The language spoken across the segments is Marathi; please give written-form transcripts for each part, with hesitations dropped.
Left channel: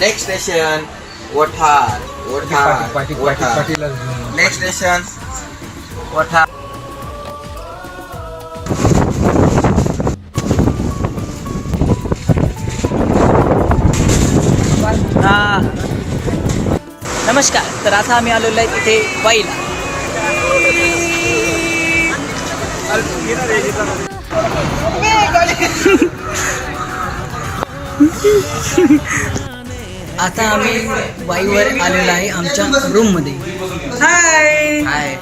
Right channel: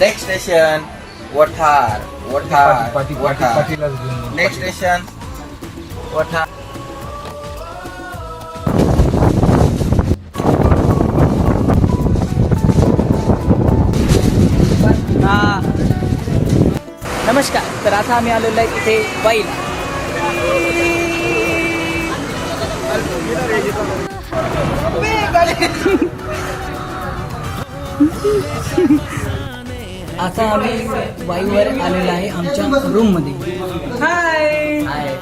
Next station Wathar. Next station Wathar. नमस्कार. तर आता आम्ही आलेलो आहे इथे वाईला. आता आम्ही वाईवर आलेलो आहे आमच्या रूम मध्ये. हाय हाय.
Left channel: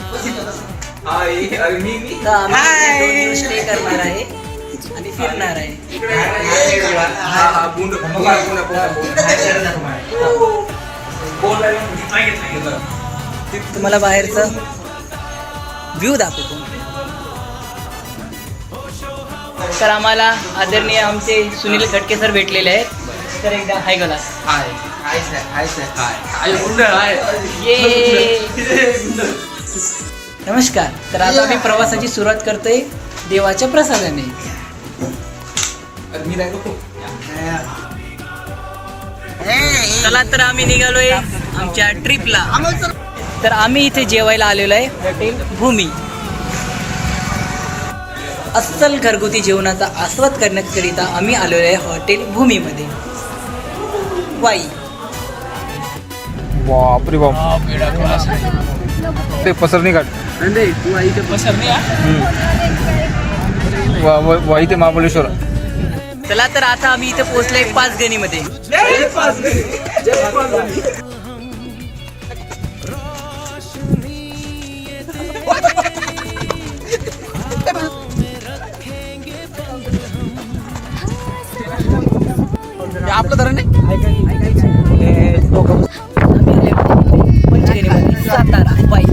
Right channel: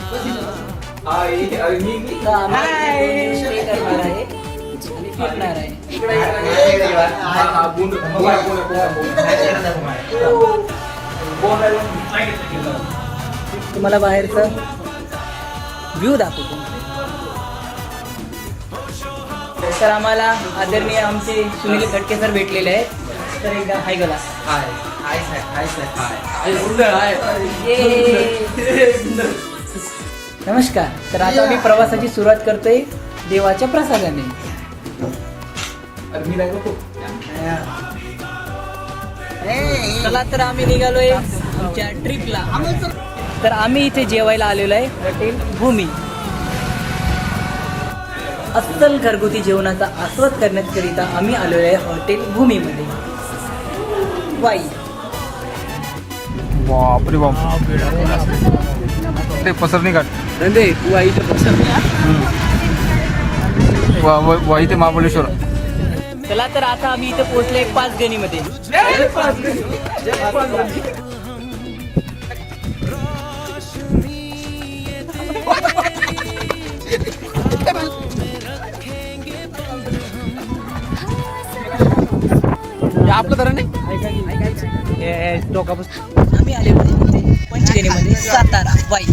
आम्ही 2 दिवस स्टे करणार आहे आणि फिरणार आहे. तुम्हाला बाहेरचा व्ह्यू दाखवतो. तर आम्हाला आदरणीय आमचे सुनील खटके सर भेटलेले आहेत. तर एकदा हाय गला. हाय हाय सर. Hi sir. हाय ये नमस्कार. तर आता आम्ही प्रवासाची सुरुवात करतोय देवाच्या प्रसादाने. चला तर आम्ही निघालोय आमच्या ट्रिपला. तर आम्ही इथे जेवायला आलेलो आहे हॉटेल भूमी. अस्सल घरगुती जेवणाचा आस्वाद करण्याकरिता आम्ही आलेलो आहे हॉटेल भूमीमध्ये वाई. बापरे बाप. ते पसरणी घाट. वाई ते महाबळेश्वर. चला तर आता आम्ही इथे पोहोचलोय पाचगणीमध्ये. आपलं धरण नाही. पंचगणीमध्ये सातारा वाई.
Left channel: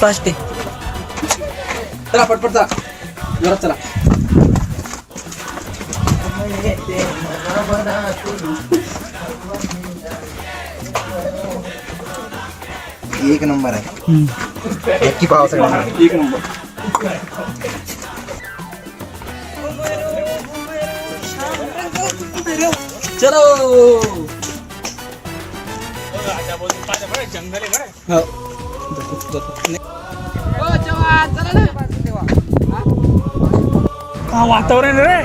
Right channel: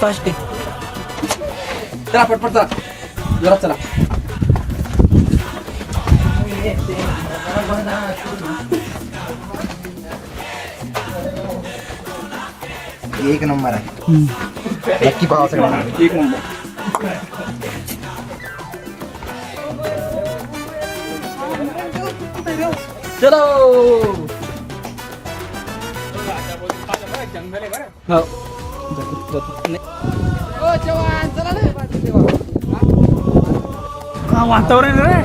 फास्ट आहे. चला पटपट चला. जोरात चला. एक नंबर आहे. नक्की पाहा सगळ्यांना. एक नंबर. चलो. वातावरण रे.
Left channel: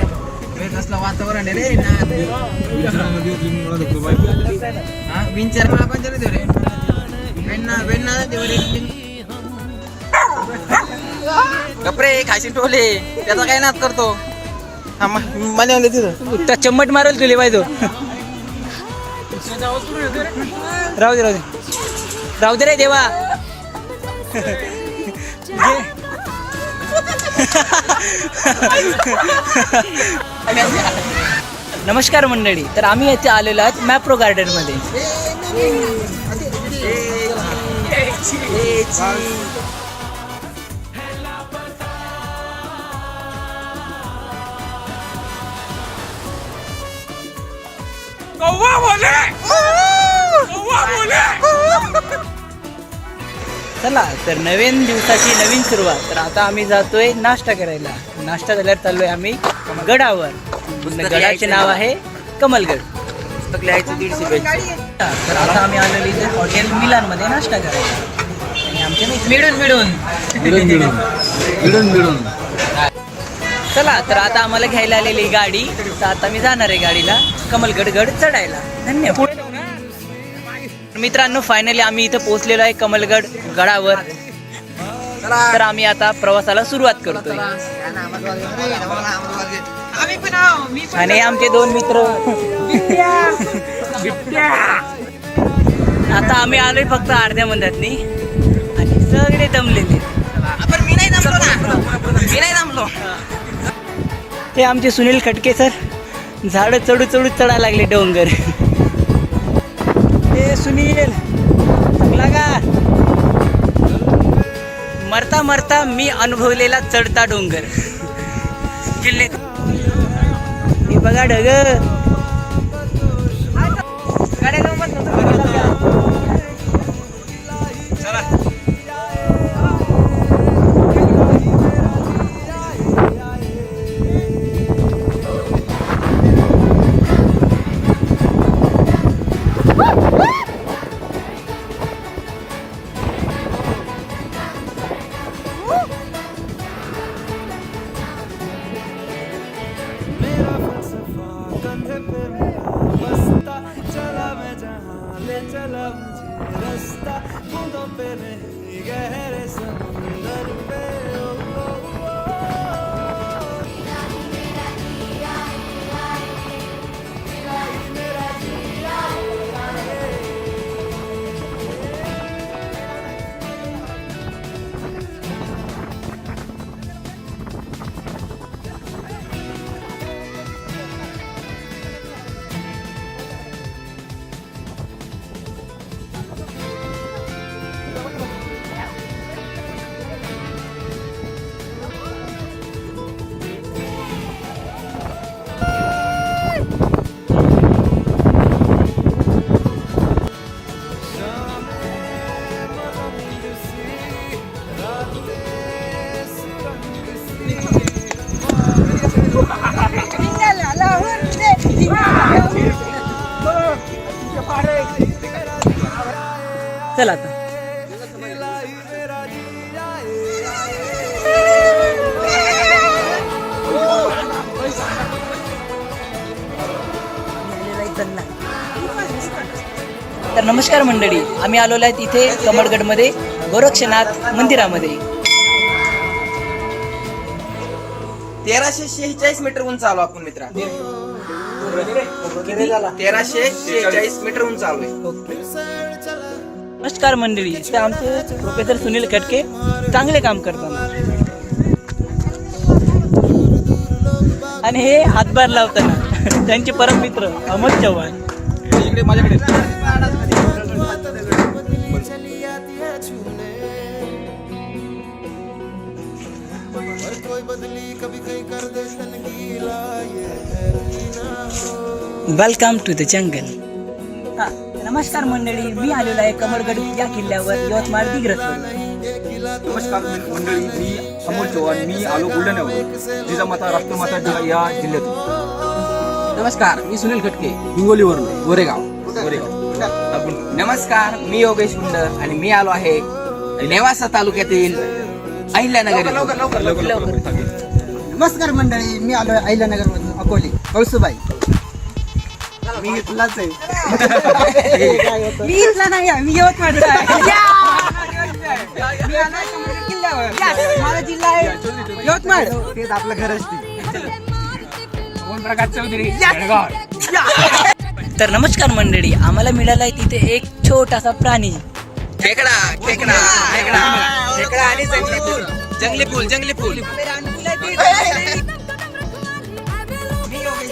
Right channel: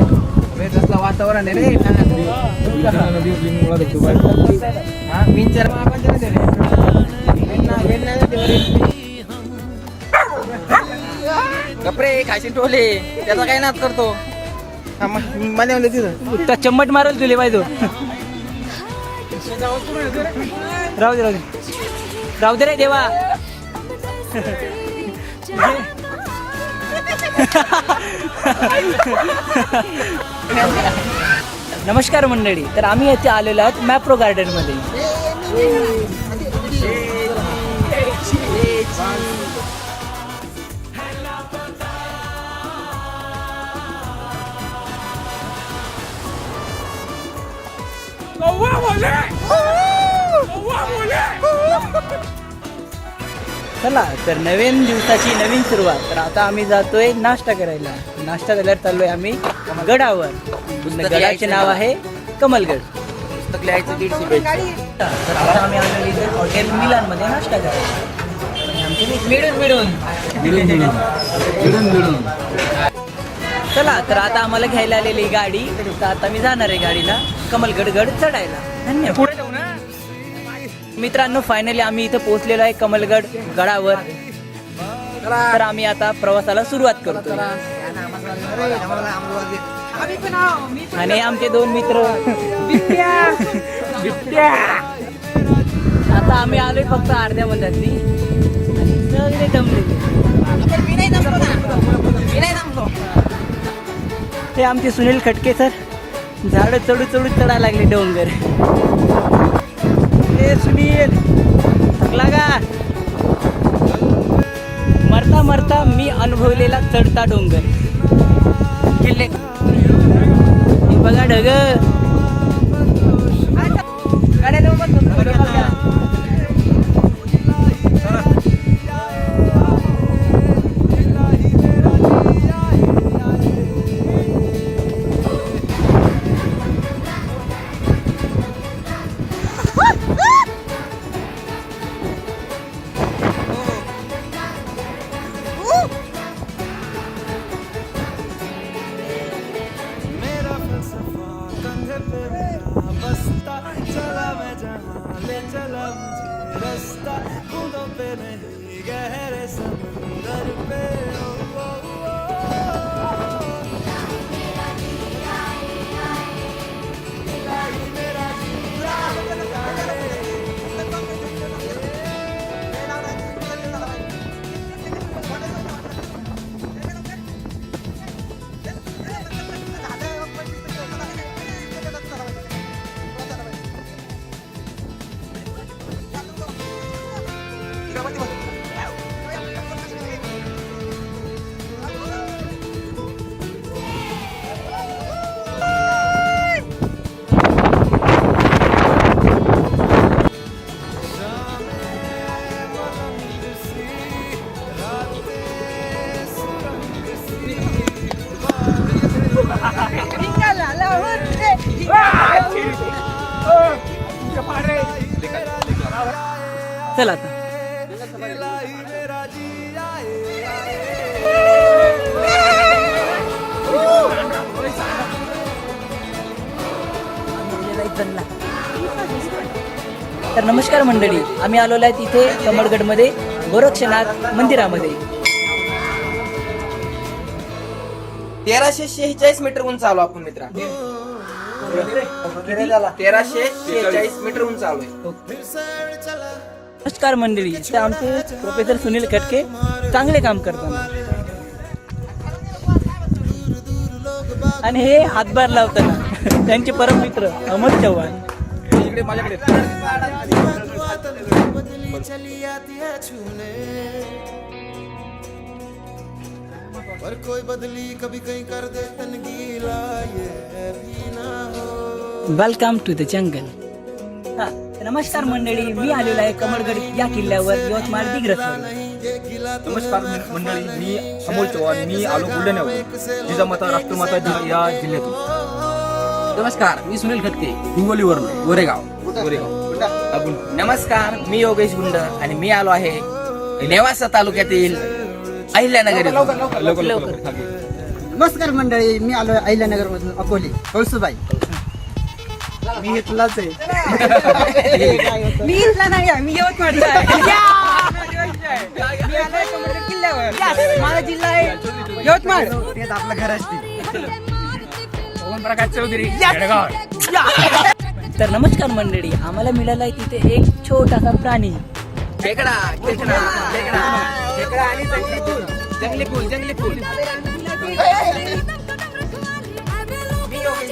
कसलं वातावरण आहे रे. कपडे खायचे टोले त्याचा काय नाद करतो. मला तिथं त्या चम्मट मारल तुले पाहिजे. राहू दे रे देवा. नमस्कार मंडळी. तर आम्ही येथे आलेलो आहोत मॅप्रो गार्डन मध्ये. चला तर नवीन दिवसाची नवीन सुरुवात. तर आता आम्ही जातोय नाश्ता करायला. नाश्ता झाल्यावर चाललोय आम्ही गडावर. गडाचे नाव आहे कमलगड. पुस्तक लिहायचं 150 पेज. तर आता आम्ही आलेलो इथे हॉटेल मिलान मध्ये नाश्ता करायला. आणि आमचे मिळून चला तर आता आम्हाला घ्यायला आलेली गाडी. तर आता मी जाणार आहे गाडीला कमलगड चढायला. धन्यवाद. मित्रांनो फायनली आम्ही इथं पोहोचलेलो आहे कमलगड गडावर. तर आम्ही आता प्रवासाला सुरुवात करतोय. आणि आमचे 2 मित्र. आता आम्ही आलोय फक्त अर्ध्या मंदातनी आणि सगळे दमलेले. मी नाही थांबलो. हे आमचे सुनील खटके सर झाडं चढू चढायला लागले डोंगर. हे सुनील थकला का? मरता मी अनुभवलेला चढता डोंगर. किल्ले हे बघा ढग. मेरा फलसफा कंधे पे मेरा बस्ता चला मैं जहाँ ले चला मुझे रास्ता बूंदों पे नहीं गहरे समंदर पे ओ, ओ, ओ, इलाही मेरा जिया रे। चल आता तर नमस्कार मंडळी, आम्ही आलेलो आहेत इथे कमळगडमध्ये गोरक्षनाथ मंदिरामध्ये. 1346 मीटर उंच आलो आपण मित्रा. 1346 मीटर उंच आलोय. नमस्कार मंडळी, ते आमचे प्रोफेसर सुनील खटके चांगले काम करतात आणि हे हातभार लावताना त्यांचे परम मित्र अमोल चव्हाण. इकडे माझ्याकडे और कोई बदली कभी कहीं कर दे तनगीला ये हैरी ना हो. Welcome to the jungle. नमस्कार मंडळी, मी आलेलो आहे कमळगड या किल्ल्यावर यवतमाळ दिग्रस. नमस्कार मंडळी, मी अमोल चव्हाण. मी आलो बुलढाण्यावर. जिजामाता राष्ट्रमाता या जिल्ह्यातून. नमस्कार, मी सुनील खटके हिंगोलीवरून गोरेगाव. नमस्कार, मी योगेश गुंड आणि मी आलो आहे नेवासा तालुक्यातील अहिल्यानगर. नमस्कार मंडळी, मी आलोय अहिल्यानगर मधून अकोले कौसुबाई. मी इथलाच आहे. मी इथला नाही आहे, मी यवतमाळचा आहे. मी आलोय कमळगड किल्ल्यावर. माझा जिल्हा आहे यवतमाळ. तेच आपलं घर असते. तर नमस्कार मंडळी, आम्हाला मिळाला आहे तिथे एक छोटासा प्राणी. खेकडा खेकडा खेकडा खेकडा आणि जंगली फूल. जंगली फूल जंगली फूल.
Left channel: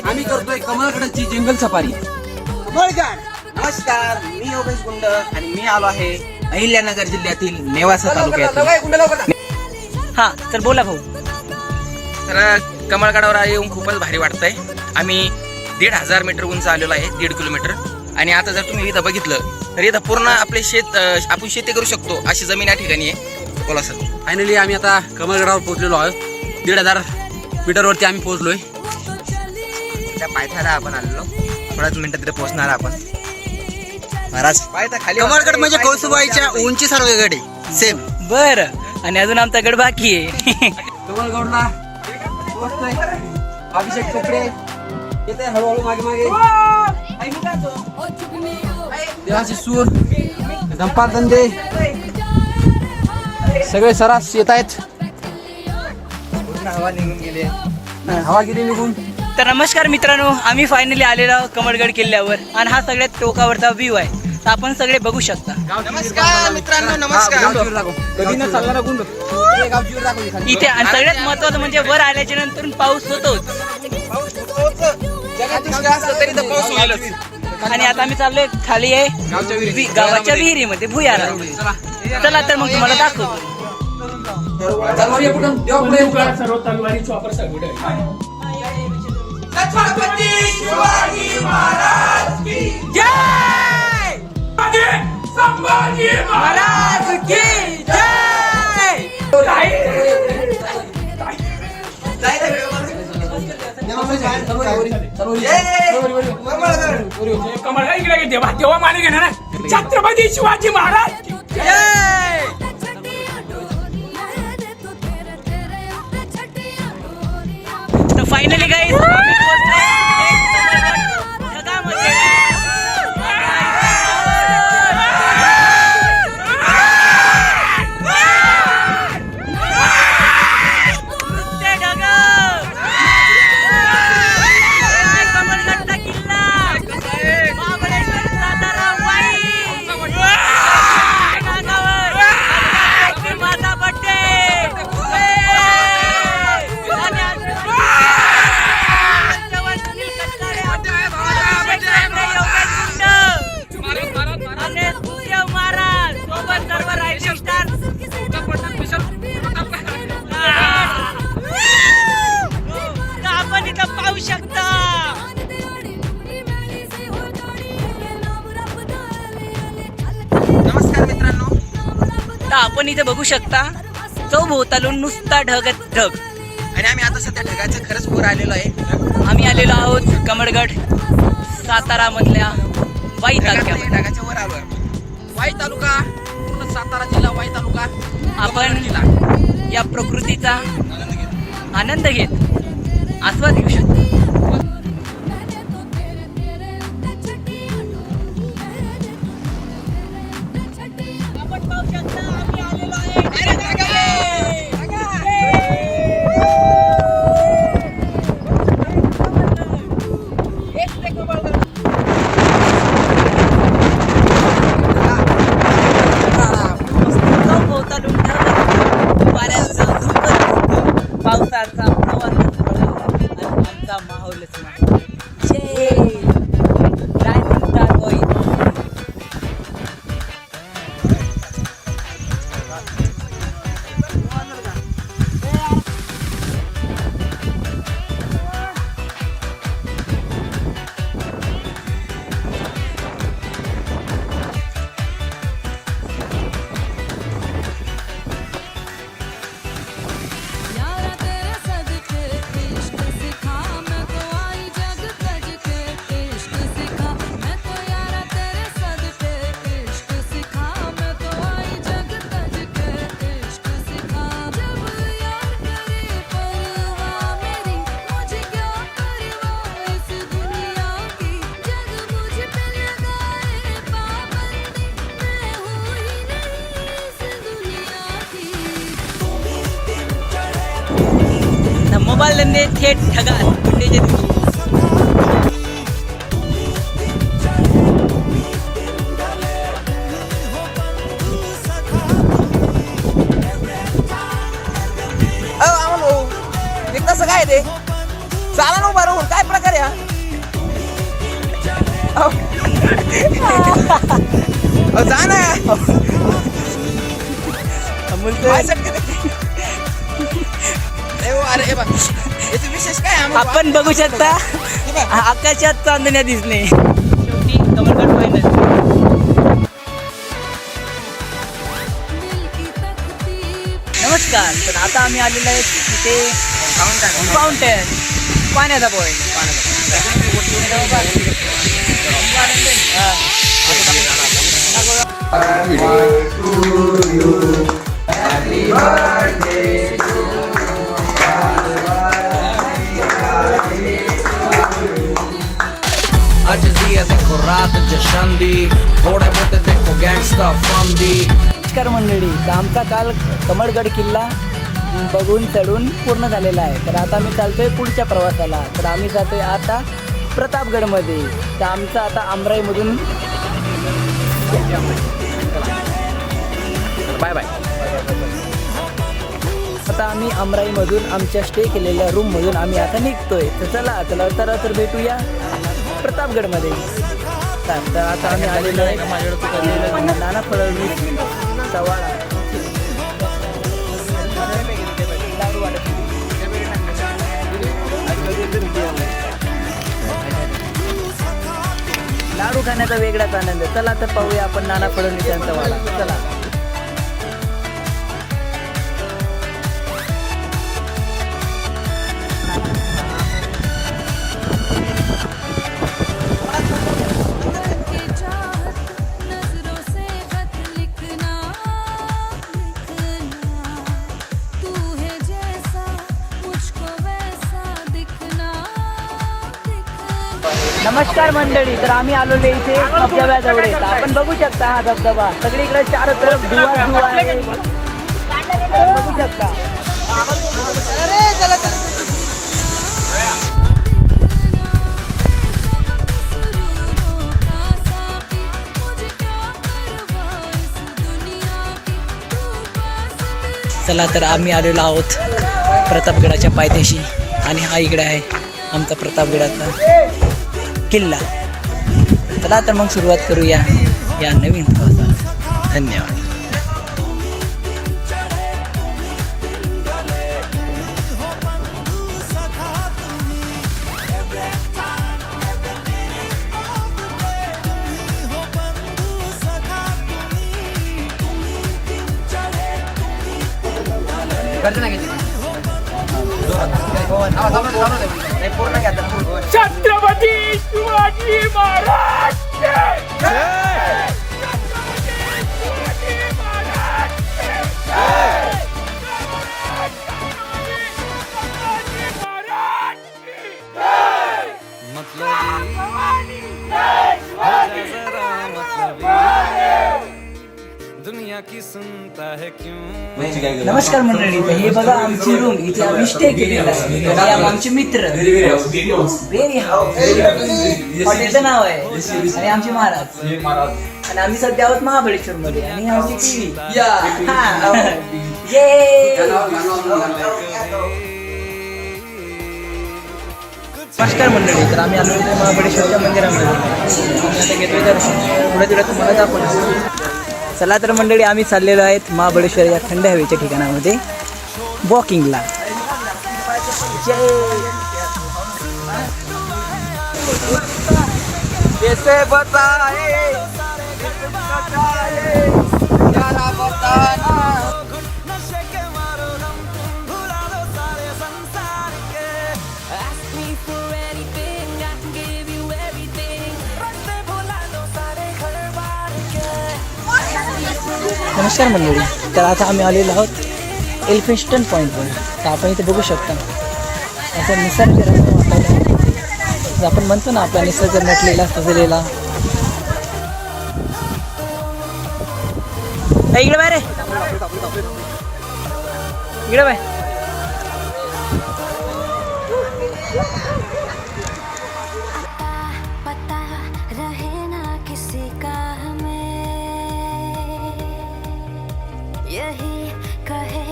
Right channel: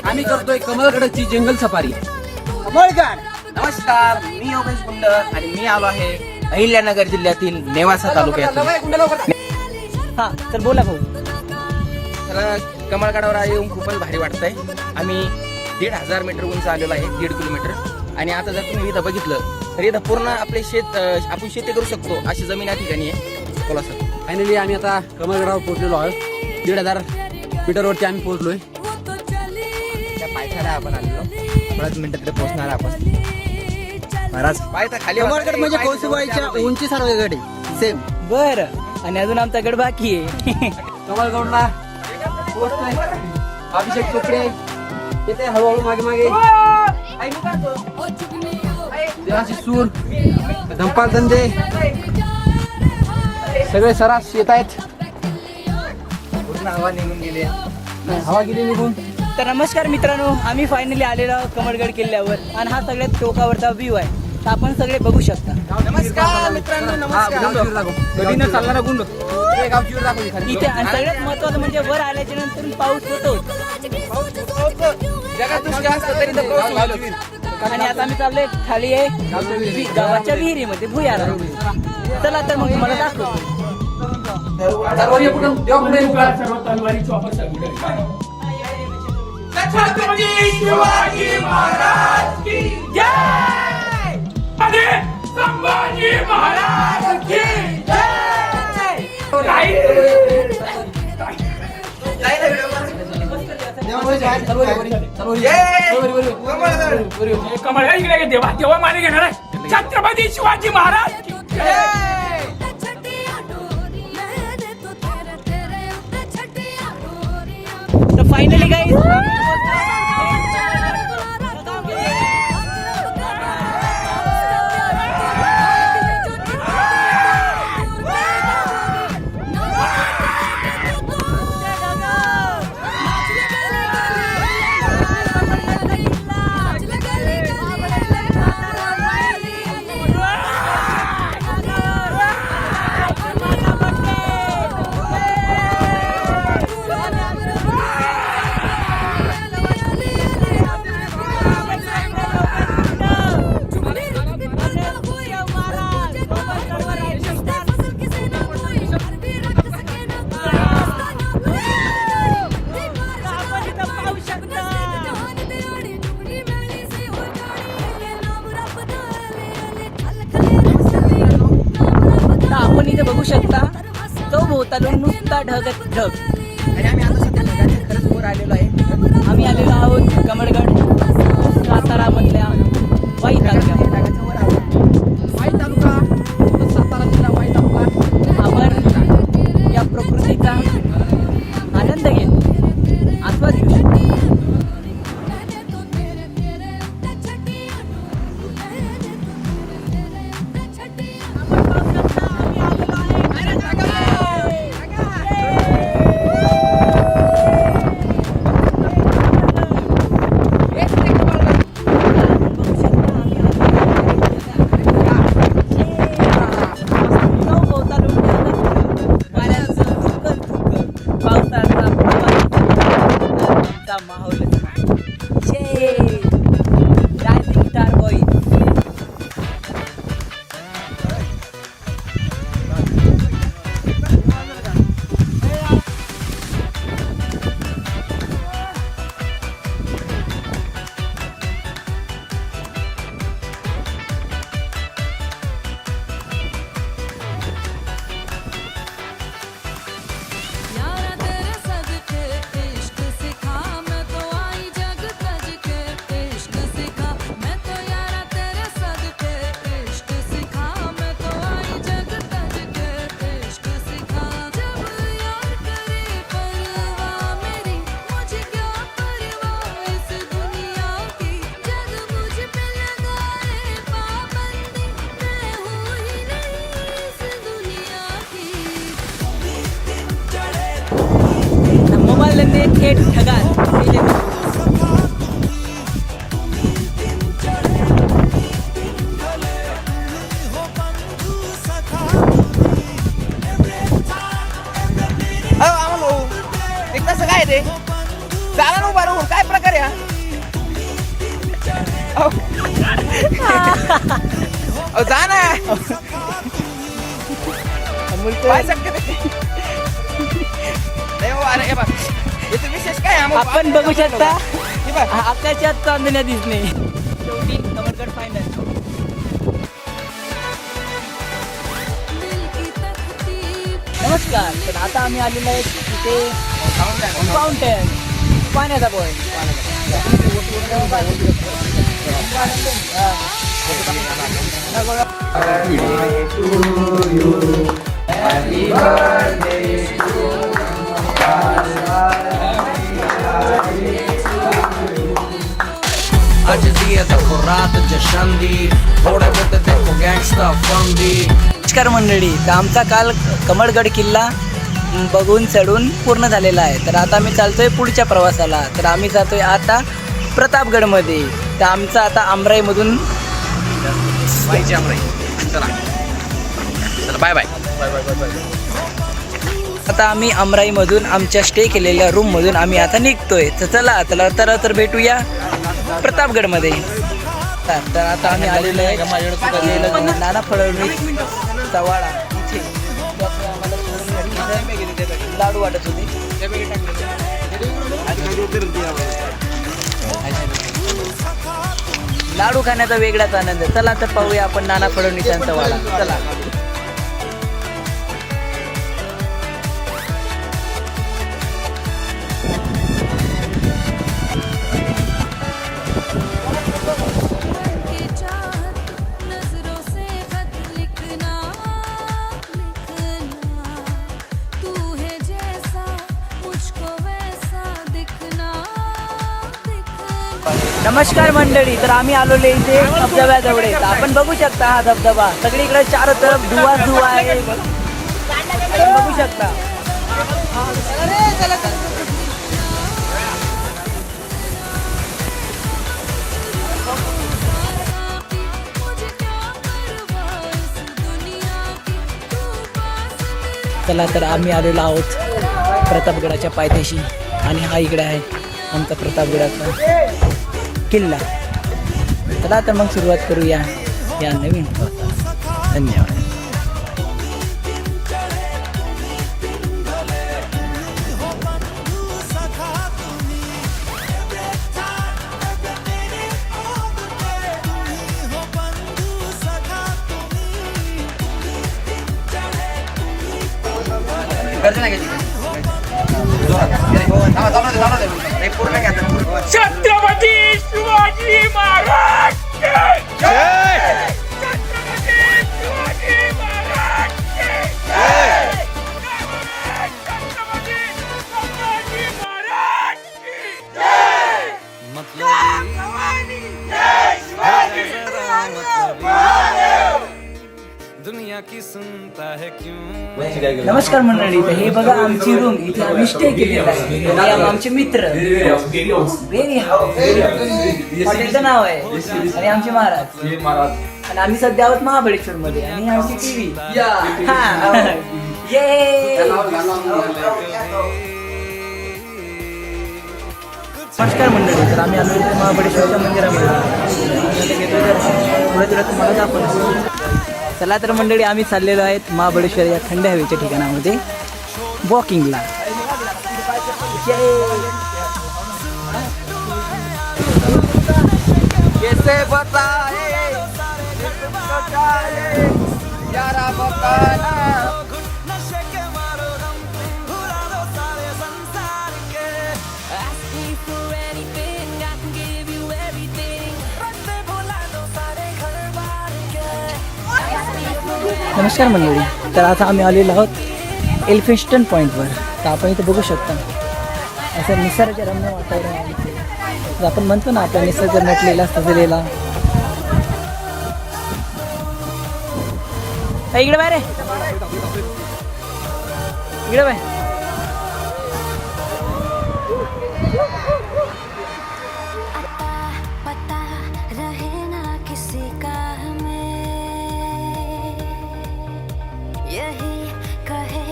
आम्ही करतोय कमळगडाची जंगल सफारी. नमस्कार, मी योगेश गुंड आणि मी आलो आहे अहिल्यानगर जिल्ह्यातील नेवासा तालुक्यातून. हा, तर बोला भाऊ. तर कमळगडावर येऊन खूपच भारी वाटतंय. आम्ही 1,500 मीटर उंच आलेलो आहे, 1.5 किलोमीटर. आणि आता जर तुम्ही इथं बघितलं तर इथं पूर्ण आपले शेत, आपण शेती करू शकतो अशी जमीन या ठिकाणी आहे. बोला सर. फायनली आम्ही आता कमळगडावर पोहोचलेलो आहोत. 1,500 मीटरवरती आम्ही पोहोचलोय. त्या पायथ्याला आपण आलेलो, थोड्याच मिनिटात तिथे पोहोचणार आपण. महाराज पायथा खाली. कमळगड म्हणजे कौसुबाईच्या उंची सर्व गड आहे सेम. बर, आणि अजून आमचा गड बाकी आहे. कमळगडला पोहोचतोय. अभिषेक कपडे येते हळूहळू मागे मागे. देवाची सूर, धंपाल धंदे सगळे सरास येत आहेत. हवा निघून गेली. हवा गेली निघून. तर नमस्कार मित्रांनो, आम्ही फायनली आलेलो आहोत कमळगड किल्ल्यावर आणि हा सगळ्यात टोकावरचा व्ह्यू आहे. तर आपण सगळे बघू शकता. नमस्कार मित्रांनो, नमस्कार. कधी न चालणारा गुंड इथे आणि सगळ्यात महत्वाचं म्हणजे वर आल्याच्या नंतर पाऊस होतोच. जगादृष्टी असलं तरी तर पाऊस होईलच. आणि आता आम्ही चाललोय खाली आहे गावाच्या विहिरीमध्ये भुयारा. चला तर मग तुम्हाला दाखवतो. कमळ इकडे देवा देवा माने घेणार छत्रपती शिवाजी महाराज की जय. तर फायनली गाईज आपण इथे बघू शकता चौभोवतालून नुसता ढगच ढग. आणि आम्ही आता सध्या ढगाच्या खरंच वर आलेलो आहे. आम्ही आलेलो आहोत कमळगड सातारा मधल्या वाई तालुक्यात. ढगाच्या वर आलो. वाई तालुका, सातारा जिल्हा, वाई तालुका. आपण या प्रकृतीचा आनंद घेत आस्वाद घेऊ शकतो. पावसाचा आमचा माहोलच मोबाईल धंदे थेट ढगात उडलेले. एक कसं काय ते चाला ना बरोबर काय प्रकार या जा ना अमोल काय शकते अरे बा याचं विशेष काय आपण बघू शकता आकाशात चांदण्या दिसणे. शेवटी कमळगड फायनल. नमस्कार. तर आता आम्ही आलेलो आहे तिथे फाउंटेन पाण्याचा पॉईंट. आज दिया देखो रात जशन दी थोड़े बहुत देखो गैंगस्टर फम दी. नमस्कार मंडळी. तर आमचा काल कमळगड किल्ला बघून चढून पूर्ण झालेला आहे. तर आता आम्ही चालतोय पुढच्या प्रवासाला. तर आम्ही जातोय आता प्रतापगडमध्ये. तर आमचा आता आमराईमधून बाय बाय. आता आम्ही अमराईमधून आमच्या स्टे केलेल्या रूममधून आम्ही आता निघतोय. तर चला तर भेटूया प्रतापगडमध्ये. तर आता आम्ही आलेलो आहे नाना फडणवीस चव्हाणा लाडू वाटत होते. लाडू खाण्याचा वेगळाच आनंद. चला तर पाहूया आपण नाना फडणवीस यांचा वाडा. चला. की चाहत नजरों से खत लिखना लिखना तू है जैसा मुझको वैसा दिखना दिखना. नमस्कार मंडळी, तर आम्ही आलेलो इथे धबधब्याजवळ. आपण बघू शकता हा धबधबा सगळीकडे चार तरफ धुवा धुवा आहे. आपण बघू शकता. चला तर आम्ही आलेलो आहोत प्रतापगडाच्या पायथ्याशी आणि हा इकडे आहे आमचा प्रतापगडाचा किल्ला. चला तर मग सुरुवात करूया या नवीन प्रवासाला. धन्यवाद. छत्रपती शिवाजी महाराज की जय. छत्रपती शिवाजी महाराज की जय. छत्रपती शिवाजी महाराज की जय. दुनिया की सुनता है क्यों. नमस्कार मंडळी, तर हे बघा आमची रूम. इथे आम्ही स्टे केलेला आहे. हे आमचे मित्र बेरी हाऊस हॉटेलचं नाव आहे आणि आमचे महाराज. आणि आम्ही सध्या आहोत महाबळेश्वर मध्ये आणि आमची टीव्ही. नमस्कार मंडळी, तर आम्ही आलो होतो महाबळेश्वरच्या मंदिरामध्ये. आम्ही आता घेतोय दर्शन. पुढे तुला तुम्हाला दाखवलं. चला तर मंडळी, आम्ही चाललेलो आहेत महाबळेश्वर या थंड हवेच्या ठिकाणामध्ये वॉकिंगला. Ask me for anything, I can give you everything. रस्ते भुला दो सारे घर-बार के. नमस्कार मंडळी, तर आता आम्ही आलेलो आहोत एल्फिन्स्टन पॉईंटवर. तर आपण इथे बघू शकता असं निसर्गरम्य वातावरण. आपण म्हणतो ना आपला निसर्ग नटलेला सजलेला. इकडे बाय रे, इकडे बाय. पता रहे ना किसी का हमें, यही कहे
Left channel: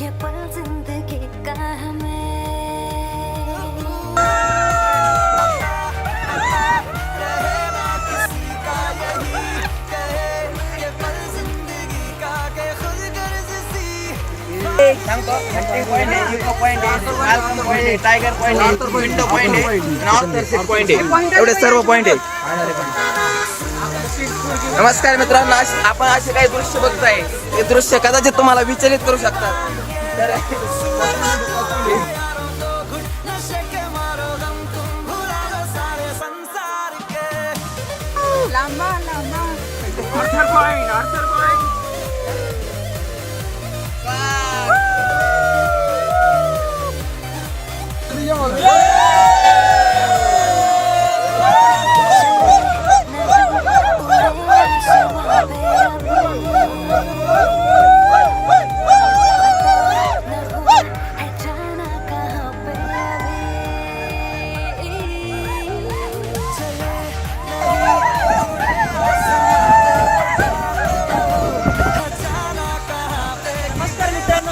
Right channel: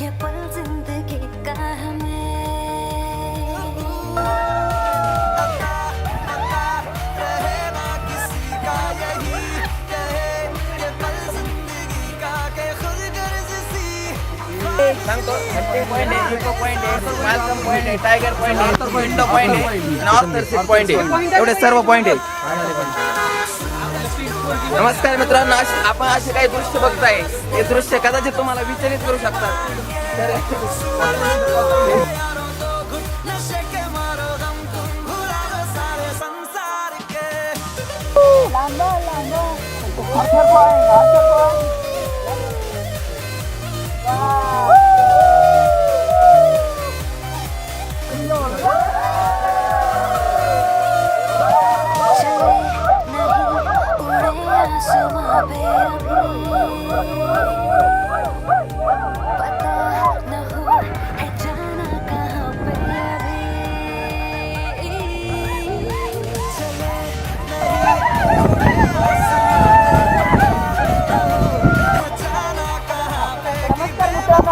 ये पल जिंदगी का हमें. टायगर पॉइंट, विंडो पॉइंट, एवढे सर्व पॉइंट आहेत. नमस्कार मित्रांनो, आपण असे काही दृश्य बघताय. हे दृश्य कदाचित तुम्हाला विचलित करू शकतात.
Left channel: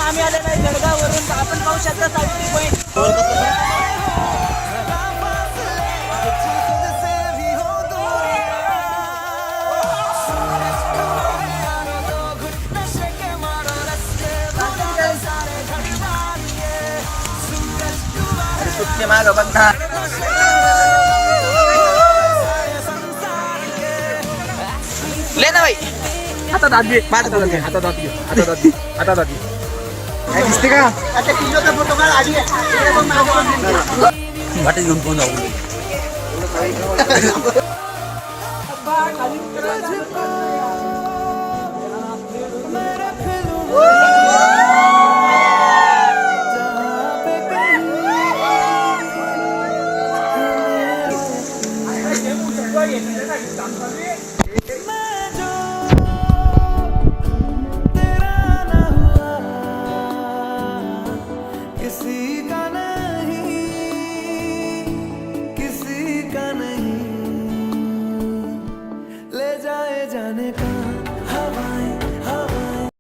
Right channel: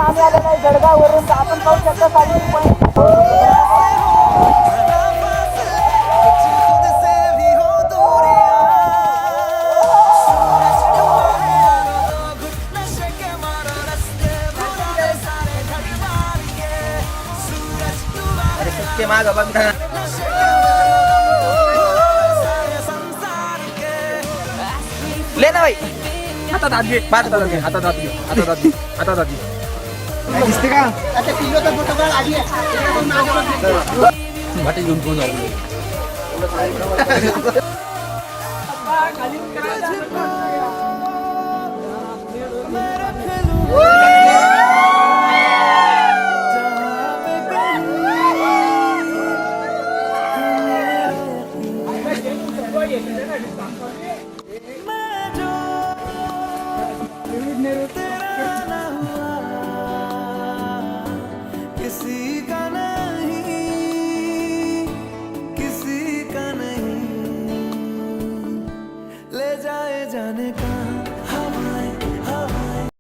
आम्ही आलेलो आहे जळगाववरून. आपण पाहू शकता सावित्री पॉईंट. मागं बघ ना. बाय. हातात हात घे. हातात हात घे. हातात हात घे. हातात हात घे. हातात हात घे. दिसते का वाटेत घेऊन कोण जाऊ